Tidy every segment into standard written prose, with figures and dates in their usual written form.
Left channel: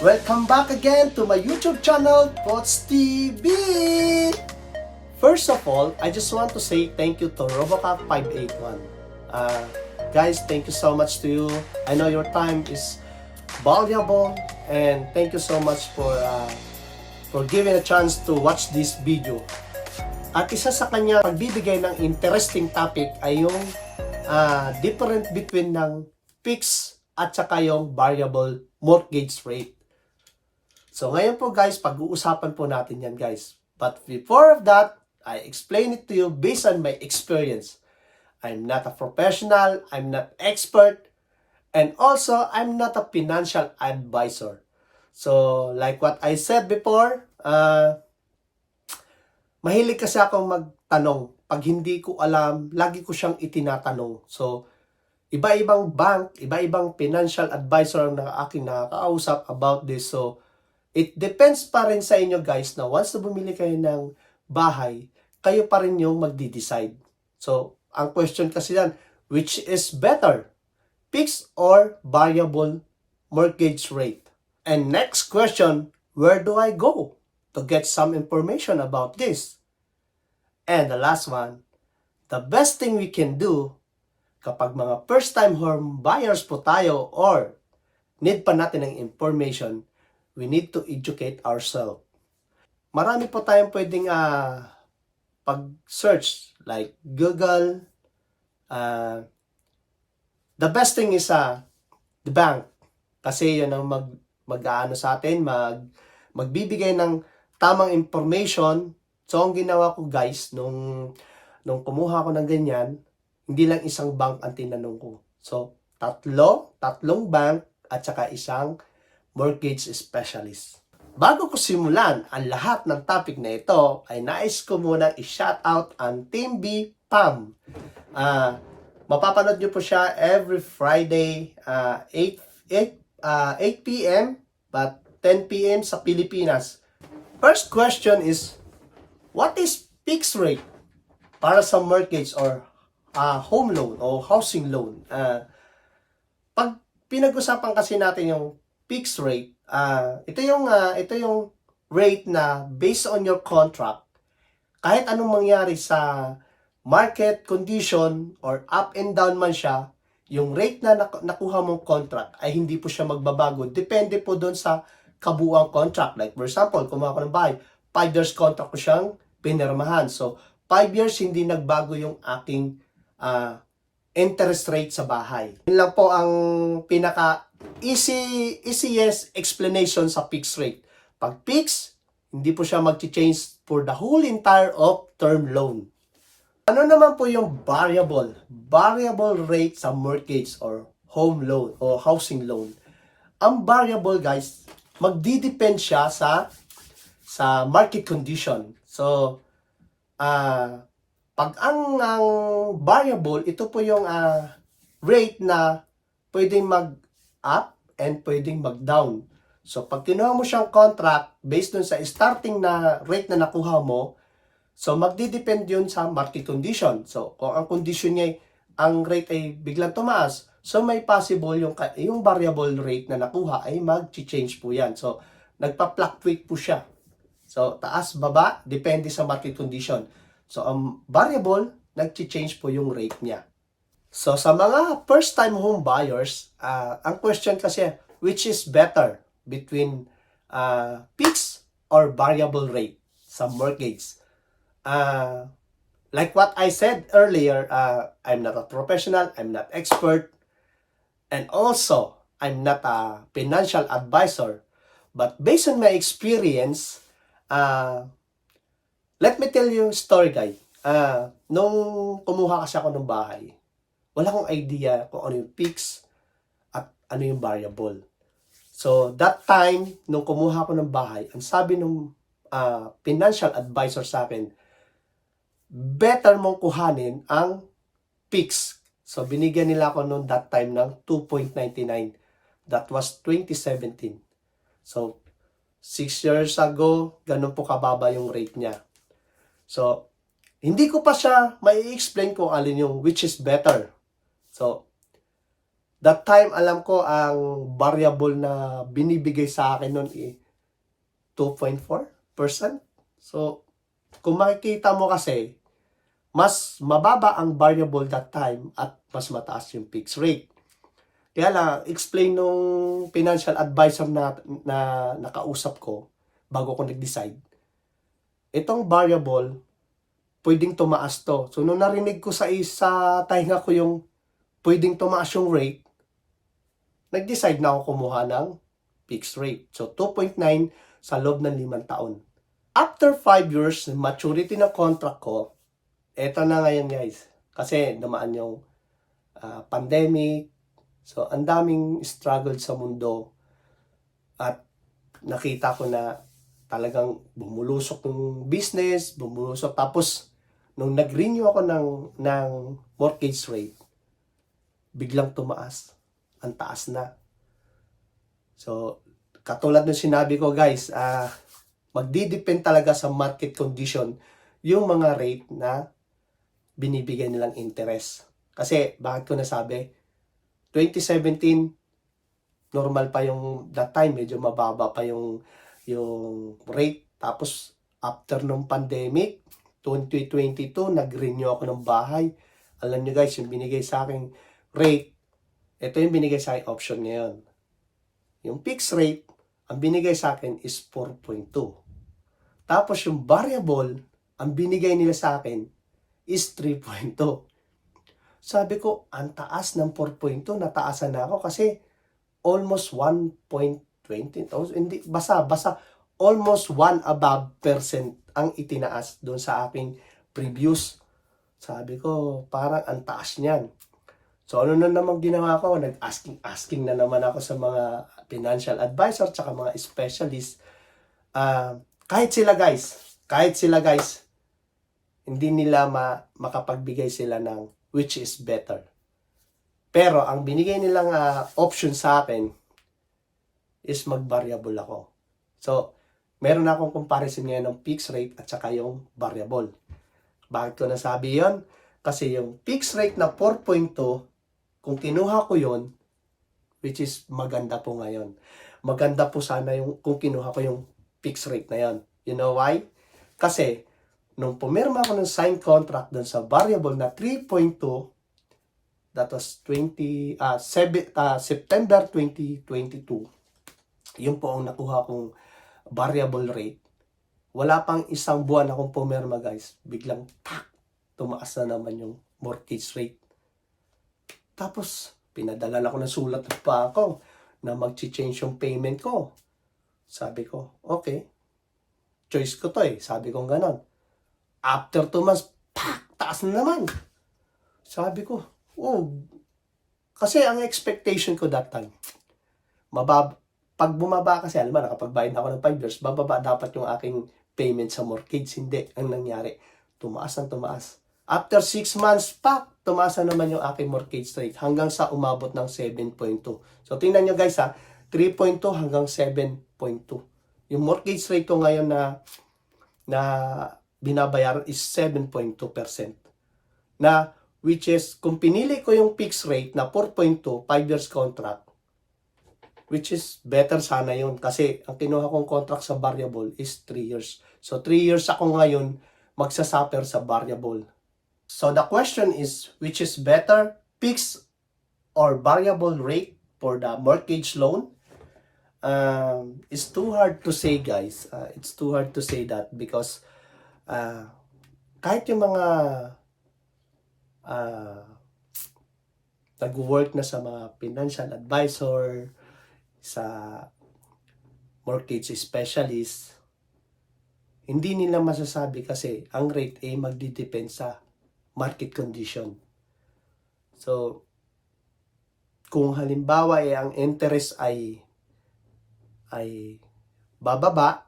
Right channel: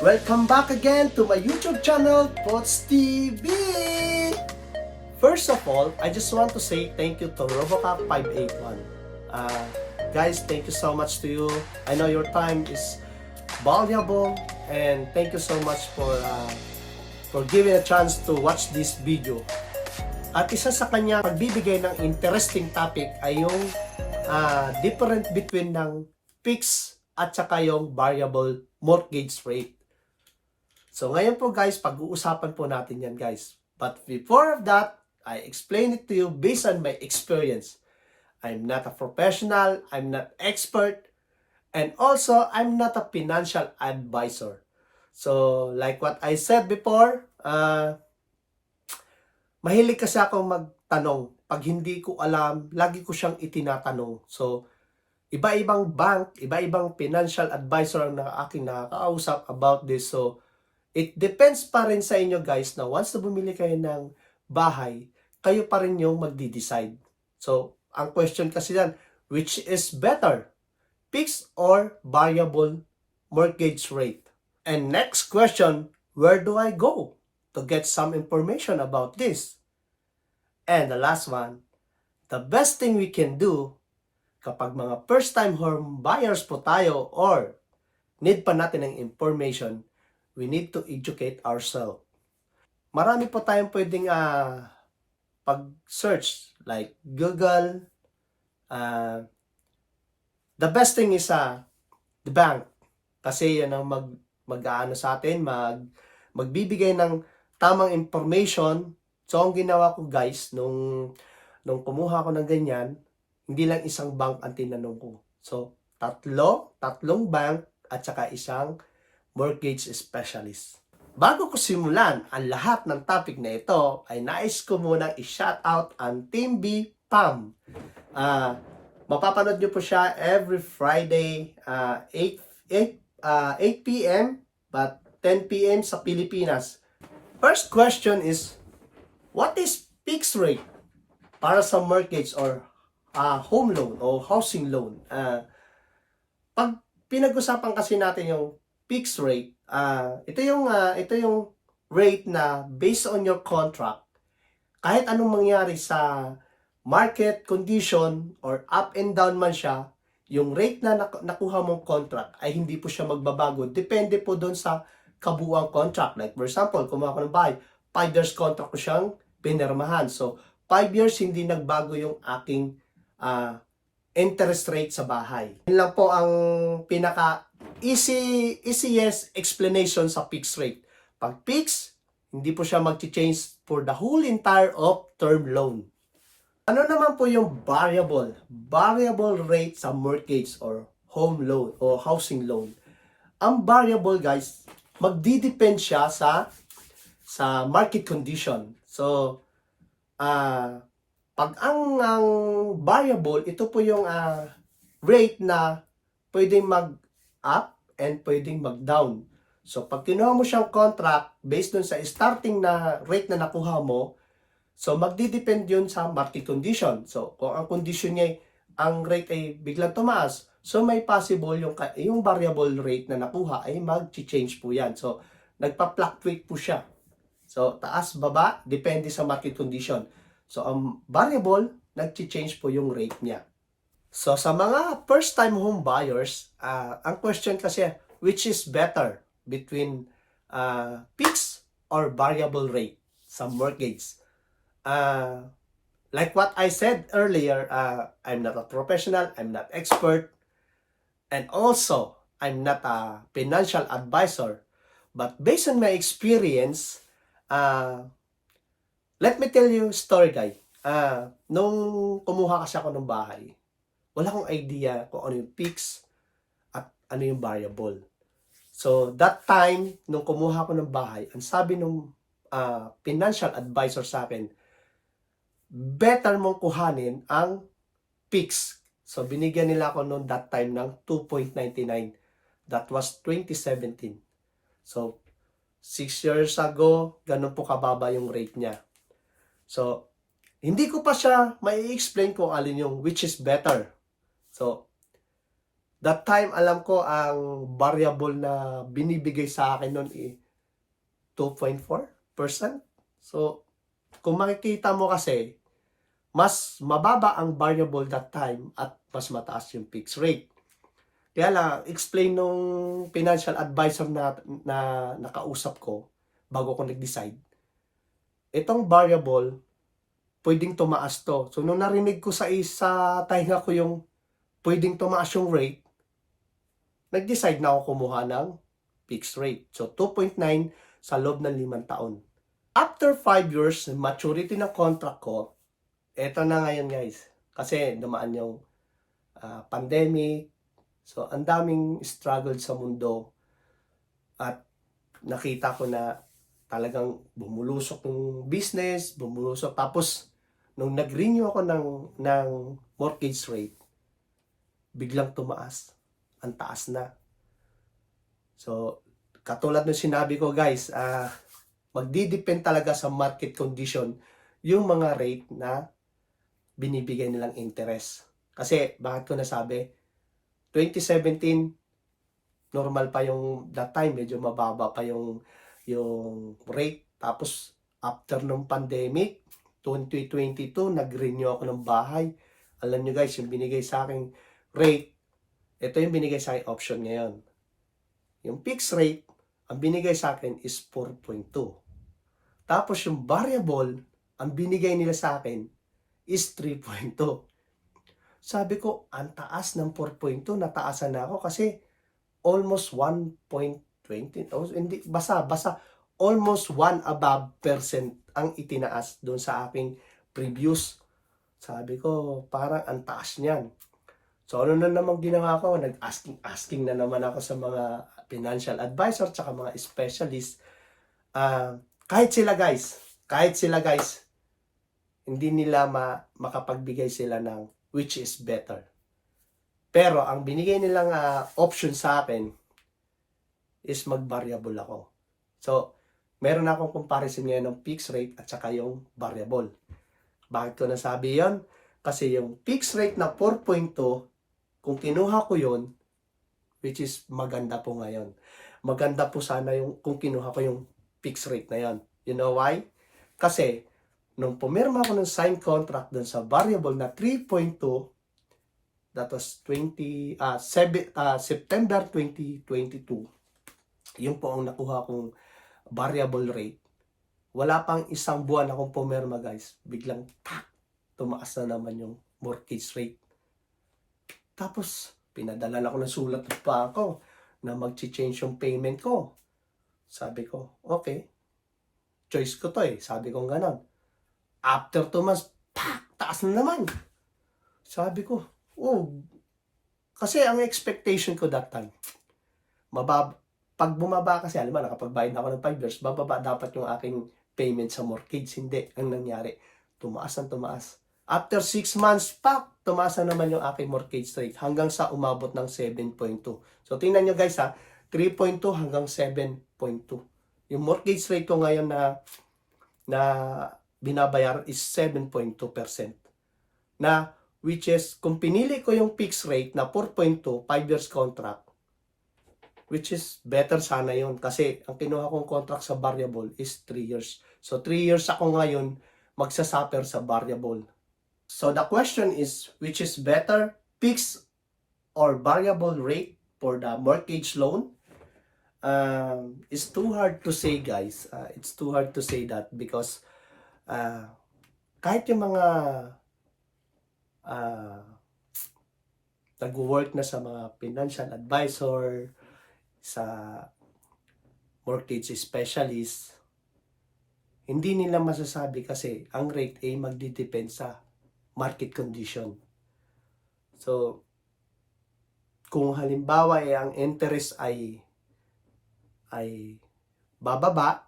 Welcome back again to my YouTube channel, Pots TV! First of all, I just want to say thank you to Robocop581. Guys, thank you so much to you. I know your time is valuable and thank you so much for giving a chance to watch this video. At isa sa kanya pagbibigay ng interesting topic ay yung difference between ng fixed at saka yung variable mortgage rate. So ngayon po guys, pag-uusapan po natin yan guys. But before of that, I explain it to you based on my experience. I'm not a professional, I'm not expert, and also I'm not a financial advisor. So like what I said before, mahilig kasi akong magtanong. Pag hindi ko alam, lagi ko siyang itinatanong. So iba-ibang bank, iba-ibang financial advisor ang aking nakakausap about this. So it depends pa rin sa inyo guys na once na bumili kayo ng bahay, kayo pa rin yung magdi-decide. So, ang question kasi yan, which is better? Fixed or variable mortgage rate? And next question, where do I go to get some information about this? And the last one, the best thing we can do kapag mga first-time home buyers po tayo or need pa natin ng information, we need to educate ourselves. Marami po tayong pwedeng pag-search like Google. The best thing is the bank. Kasi yan ang mag-aano sa atin, magbibigay ng tamang information. So ang ginawa ko guys, nung kumuha ko ng ganyan, hindi lang isang bank ang tinanong ko. So tatlong bank at saka isang mortgage specialist. Bago ko simulan ang lahat ng topic na ito, ay nais ko munang i-shoutout ang Team B Pam. Mapapanood nyo po siya every Friday 8 p.m. but 10 p.m. sa Pilipinas. First question is, what is fixed rate para sa mortgage or home loan o housing loan? Pag pinag-usapan kasi natin yung fixed rate, ito yung rate na based on your contract, kahit anong mangyari sa market condition or up and down man siya, yung rate na nakuha mong contract ay hindi po siya magbabago. Depende po doon sa kabuuang contract. Like for example, kumuha ko ng bahay, 5 years contract ko siyang pinirmahan. So 5 years hindi nagbago yung aking interest rate sa bahay. Yun lang po ang pinaka easiest explanation sa fixed rate. Pag fixed, hindi po siya mag-change for the whole entire of term loan. Ano naman po yung variable rate sa mortgage or home loan o housing loan? Ang variable guys, magdidepend siya sa market condition. So pag ang variable, ito po yung rate na pwedeng mag-up and pwedeng mag-down. So, pag kinuha mo siyang contract based dun sa starting na rate na nakuha mo, so magdidepend yun sa market condition. So, kung ang condition niya, ang rate ay biglang tumaas, so may possible yung variable rate na nakuha ay mag-change po yan. So, nagpa-fluctuate po siya. So, taas, baba, depende sa market condition. So, ang variable, nag-change po yung rate niya. So, sa mga first-time home buyers, ang question kasi, which is better between fixed or variable rate sa mortgage? Like what I said earlier, I'm not a professional, I'm not expert, and also, I'm not a financial advisor. But based on my experience, let me tell you a story guys. Nung kumuha kasi ako ng bahay, wala akong idea kung ano yung fixed at ano yung variable. So that time, nung kumuha ako ng bahay, ang sabi ng financial advisor sa akin, better mong kuhanin ang fixed. So binigyan nila ako noon that time ng 2.99. That was 2017. So 6 years ago, ganun po kababa yung rate niya. So, hindi ko pa siya mai-explain kung alin yung which is better. So, That time, alam ko, ang variable na binibigay sa akin nun 2.4%. So, kung makikita mo kasi, mas mababa ang variable that time at mas mataas yung fixed rate. Kaya lang, explain nung financial advisor na nakausap ko bago ko nag-decide, itong variable, pwedeng tumaas to. So, nung narinig ko sa isa tahinga ko yung pwedeng tumaas yung rate, nag-decide na ako kumuha ng fixed rate. So, 2.9 sa loob ng 5 taon. After 5 years, maturity ng contract ko, eto na ngayon guys. Kasi dumaan yung pandemic. So, ang daming struggle sa mundo. At nakita ko na talagang bumulusok ng business, bumulusok. Tapos, nung nag-renew ako ng mortgage rate, biglang tumaas. Ang taas na. So, katulad ng sinabi ko guys, magdidepend talaga sa market condition yung mga rate na binibigay nilang interest. Kasi, bakit ko nasabi? 2017, normal pa yung that time, medyo mababa pa yung rate. Tapos, after nung pandemic, 2022, nag-renew ako ng bahay. Alam nyo guys, yung binigay sa akin rate, ito yung binigay sa akin option ngayon. Yung fixed rate, ang binigay sa akin is 4.2. Tapos yung variable, ang binigay nila sa akin is 3.2. Sabi ko, ang taas ng 4.2, nataasan na ako kasi almost 1.20. Hindi, basta almost 1 above percent ang itinaas doon sa aking previous. Sabi ko, parang ang taas niyan. So, ano na naman ginawa ko? Nag-asking na naman ako sa mga financial advisor tsaka mga specialist. Kahit sila guys, hindi nila makapagbigay sila ng which is better. Pero, ang binigay nilang option sa akin is mag-variable ako. So, meron akong comparison ngayon ng fixed rate at saka yung variable. Bakit ko nasabi yon? Kasi yung fixed rate na 4.2, kung kinuha ko yon, which is maganda po ngayon. Maganda po sana yung kung kinuha ko yung fixed rate na yon. You know why? Kasi, nung pumirma ako ng signed contract dun sa variable na 3.2, that was September 2022, yun po ang nakuha kong variable rate. Wala pang isang buwan akong pumirma guys, biglang tumaas na naman yung mortgage rate. Tapos, pinadala ako ng sulat pa ako na mag-change yung payment ko. Sabi ko, okay, choice ko to Sabi ko ganon. After 2 months, taas na naman. Sabi ko, kasi ang expectation ko that time, pag bumaba kasi, alam mo, nakapagbayad ako ng 5 years, bababa dapat yung aking payment sa mortgage. Hindi. Ang nangyari, tumaas. After 6 months, tumaas na naman yung aking mortgage rate hanggang sa umabot ng 7.2. So, tingnan nyo guys 3.2 hanggang 7.2. Yung mortgage rate ko ngayon na binabayaran is 7.2%. Na, which is, kung pinili ko yung fixed rate na 4.2, 5 years contract, which is better sana yun. Kasi, ang kinuha kong contract sa variable is 3 years. So, 3 years ako ngayon magsasuffer sa variable. So, the question is, which is better, fixed or variable rate for the mortgage loan? It's too hard to say, guys. It's too hard to say that because kahit yung mga nag-work na sa mga financial advisor, sa mortgage specialist, hindi nila masasabi kasi ang rate ay magdidepend sa market condition. So, kung halimbawa ang interest ay bababa,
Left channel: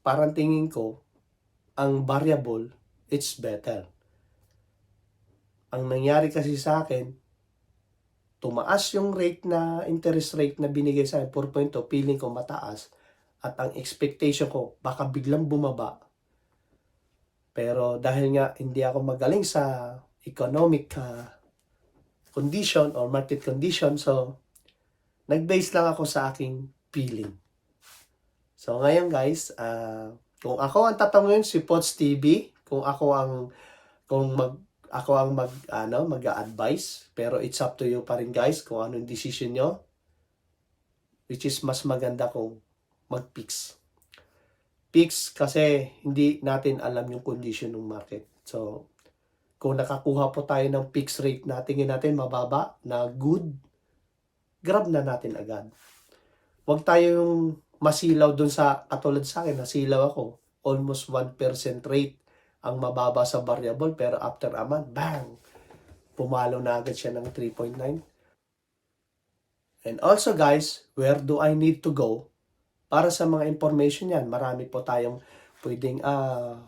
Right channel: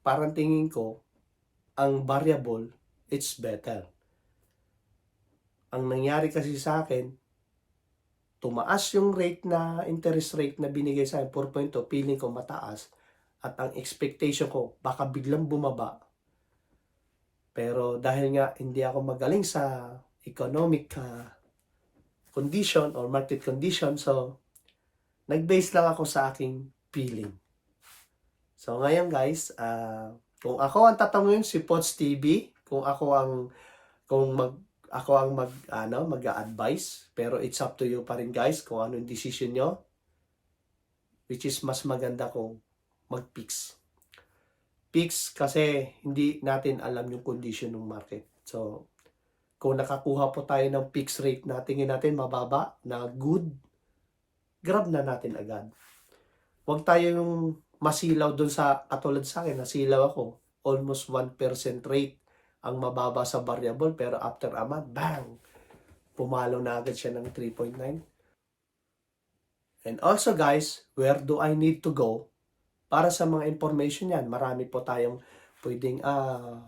parang tingin ko, ang variable, it's better. Ang nangyari kasi sa akin, tumaas yung interest rate na binigay sa akin, 4.2, feeling ko mataas, at ang expectation ko, baka biglang bumaba. Pero dahil nga hindi ako magaling sa economic condition or market condition. So, nag-base lang ako sa aking feeling. So, ngayon guys, kung ako ang tatanungin si Pots TV, kung ako ang mag-a-advise, pero it's up to you pa rin guys kung ano yung decision nyo, which is mas maganda kung mag-fix. Fix kasi hindi natin alam yung condition ng market. So, kung nakakuha po tayo ng fixed rate na tingin natin mababa, na good, grab na natin agad. Huwag tayo yung masilaw dun sa, katulad sa akin, nasilaw ako, almost 1% rate ang mababa sa variable, pero after a month, bang! Pumalo na agad siya ng 3.9. And also guys, where do I need to go para sa mga information yan? Marami po tayong pwedeng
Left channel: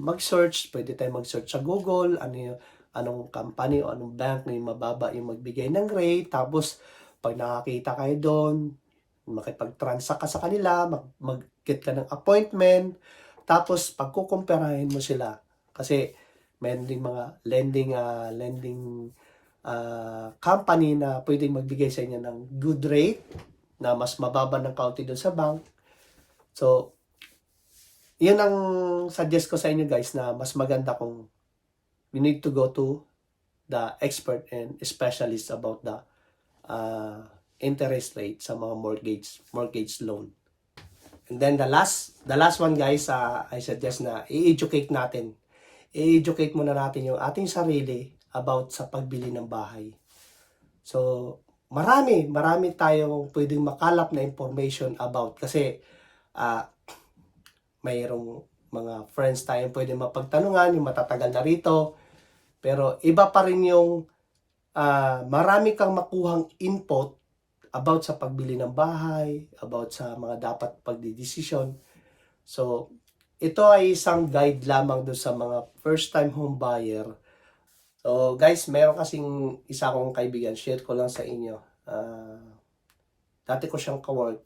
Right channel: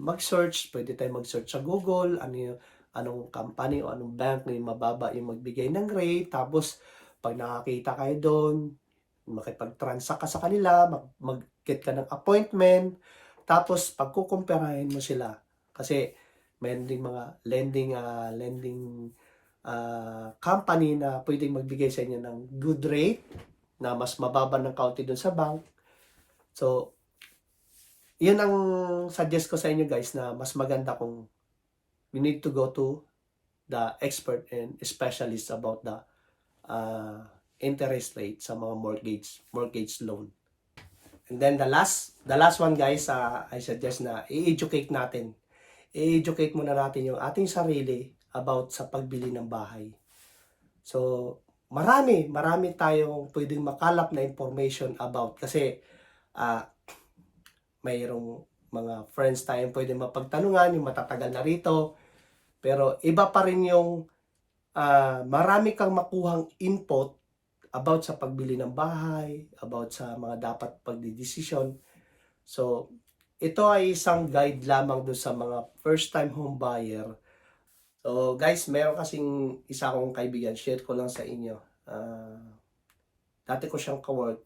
mag-search, pwede tayong mag-search sa Google, anong company o anong bank na yung mababa yung magbigay ng rate. Tapos, pag nakakita kayo doon, makipag-transact ka sa kanila, mag-get ka ng appointment, tapos pagkukumpirahin mo sila. Kasi, mayroon ding mga lending company na pwedeng magbigay sa inyo ng good rate na mas mababa ng kaunti doon sa bank. So, yun ang suggest ko sa inyo guys, na mas maganda kung you need to go to the expert and specialist about the interest rate sa mga mortgage loan. And then the last one guys, I suggest na i-educate natin. I-educate muna natin yung ating sarili about sa pagbili ng bahay. So, marami tayong pwedeng makalap na information about, kasi mayroong mga friends tayong pwedeng mapagtanungan, yung matatagal na rito, pero iba pa rin yung marami kang makuhang input about sa pagbili ng bahay, about sa mga dapat pagdidesisyon. So, ito ay isang guide lamang doon sa mga first time home buyer. So guys, meron kasing isa kong kaibigan, share ko lang sa inyo. Dati ko siyang kawork.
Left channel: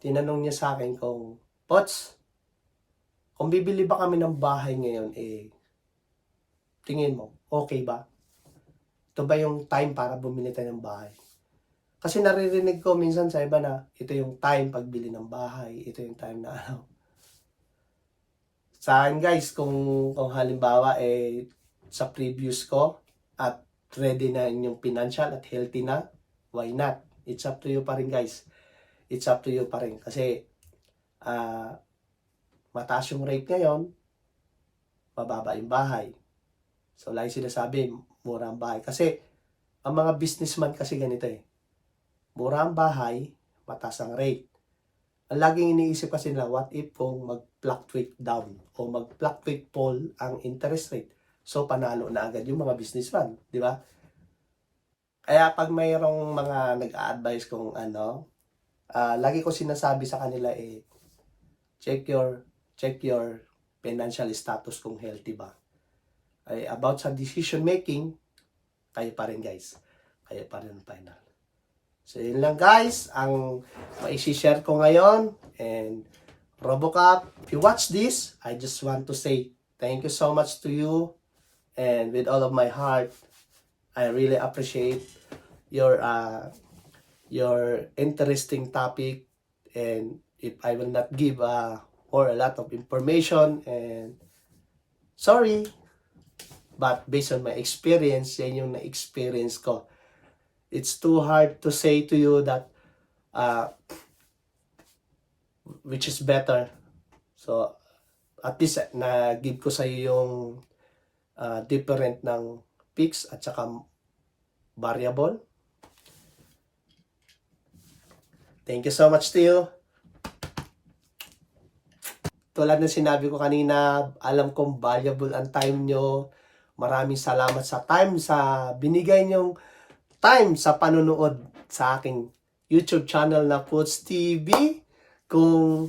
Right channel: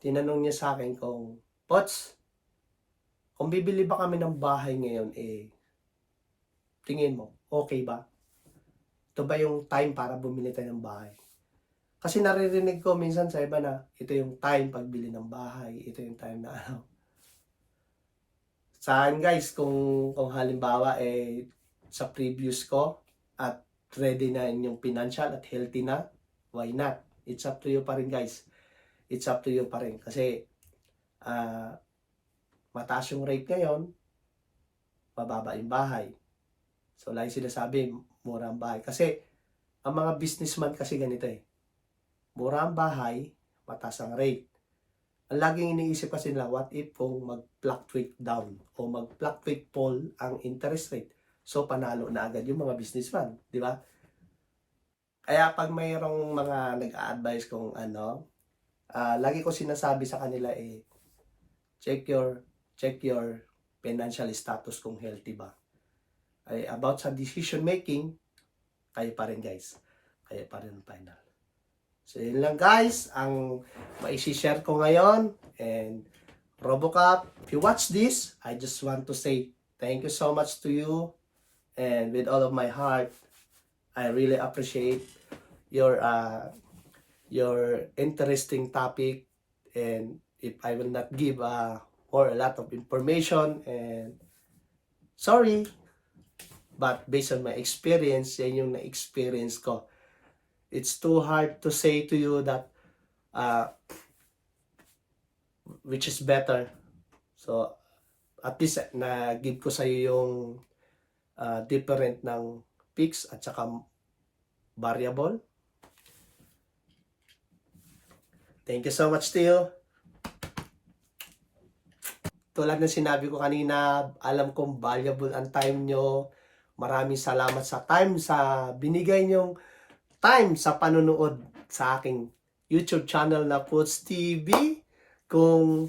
Tinanong niya sa akin kung, Pots, kung bibili ba kami ng bahay ngayon, tingin mo, okay ba? Ito ba yung time para bumili tayo ng bahay? Kasi naririnig ko minsan sa iba na ito yung time pagbili ng bahay, ito yung time na Sa akin guys, kung halimbawa sa previous ko at ready na inyong financial at healthy na, why not? It's up to you pa rin guys. It's up to you pa rin. Kasi mataas yung rate ngayon, mababa yung bahay. So lagi sinasabi, mura ang bahay. Kasi ang mga businessman kasi ganito mura ang bahay, mataas ang rate. Ang laging iniisip kasi nila, what if kung mag-fluctuate down o mag-fluctuate fall ang interest rate? So, panalo na agad yung mga businessman, di ba? Kaya pag mayroong mga nag-a-advise kung lagi ko sinasabi sa kanila check your financial status kung healthy ba. About sa decision making, kayo pa rin guys. Kayo pa rin final. So, yun lang guys, ang maisi-share ko ngayon. And Robocop, if you watch this, I just want to say thank you so much to you. And with all of my heart, I really appreciate your interesting topic. And if I will not give a lot of information, and sorry, but based on my experience, yan yung na-experience ko. It's too hard to say to you that which is better. So, at least na-give ko sa iyo yung different ng fixed at saka variable. Thank you so much to you. Tulad ng sinabi ko kanina, alam kong valuable ang time nyo. Maraming salamat sa time, sa binigay nyong time sa panunood sa aking YouTube channel na Pots TV. Kung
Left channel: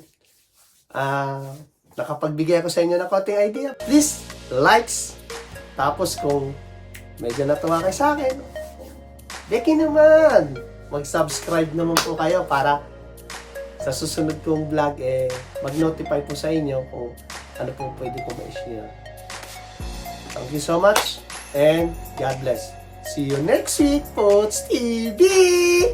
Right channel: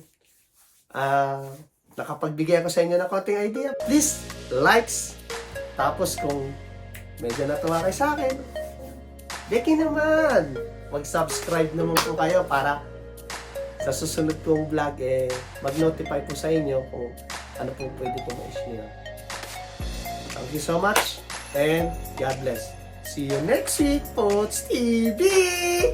nakapagbigay ako sa inyo ng konting idea, please likes. Tapos kung medyo natuwa kayo sa akin, deki naman, mag-subscribe naman po kayo para sa susunod kong vlog mag-notify po sa inyo kung ano po pwede ko ma-share. Thank you so much and God bless. See you next week, Pots TV!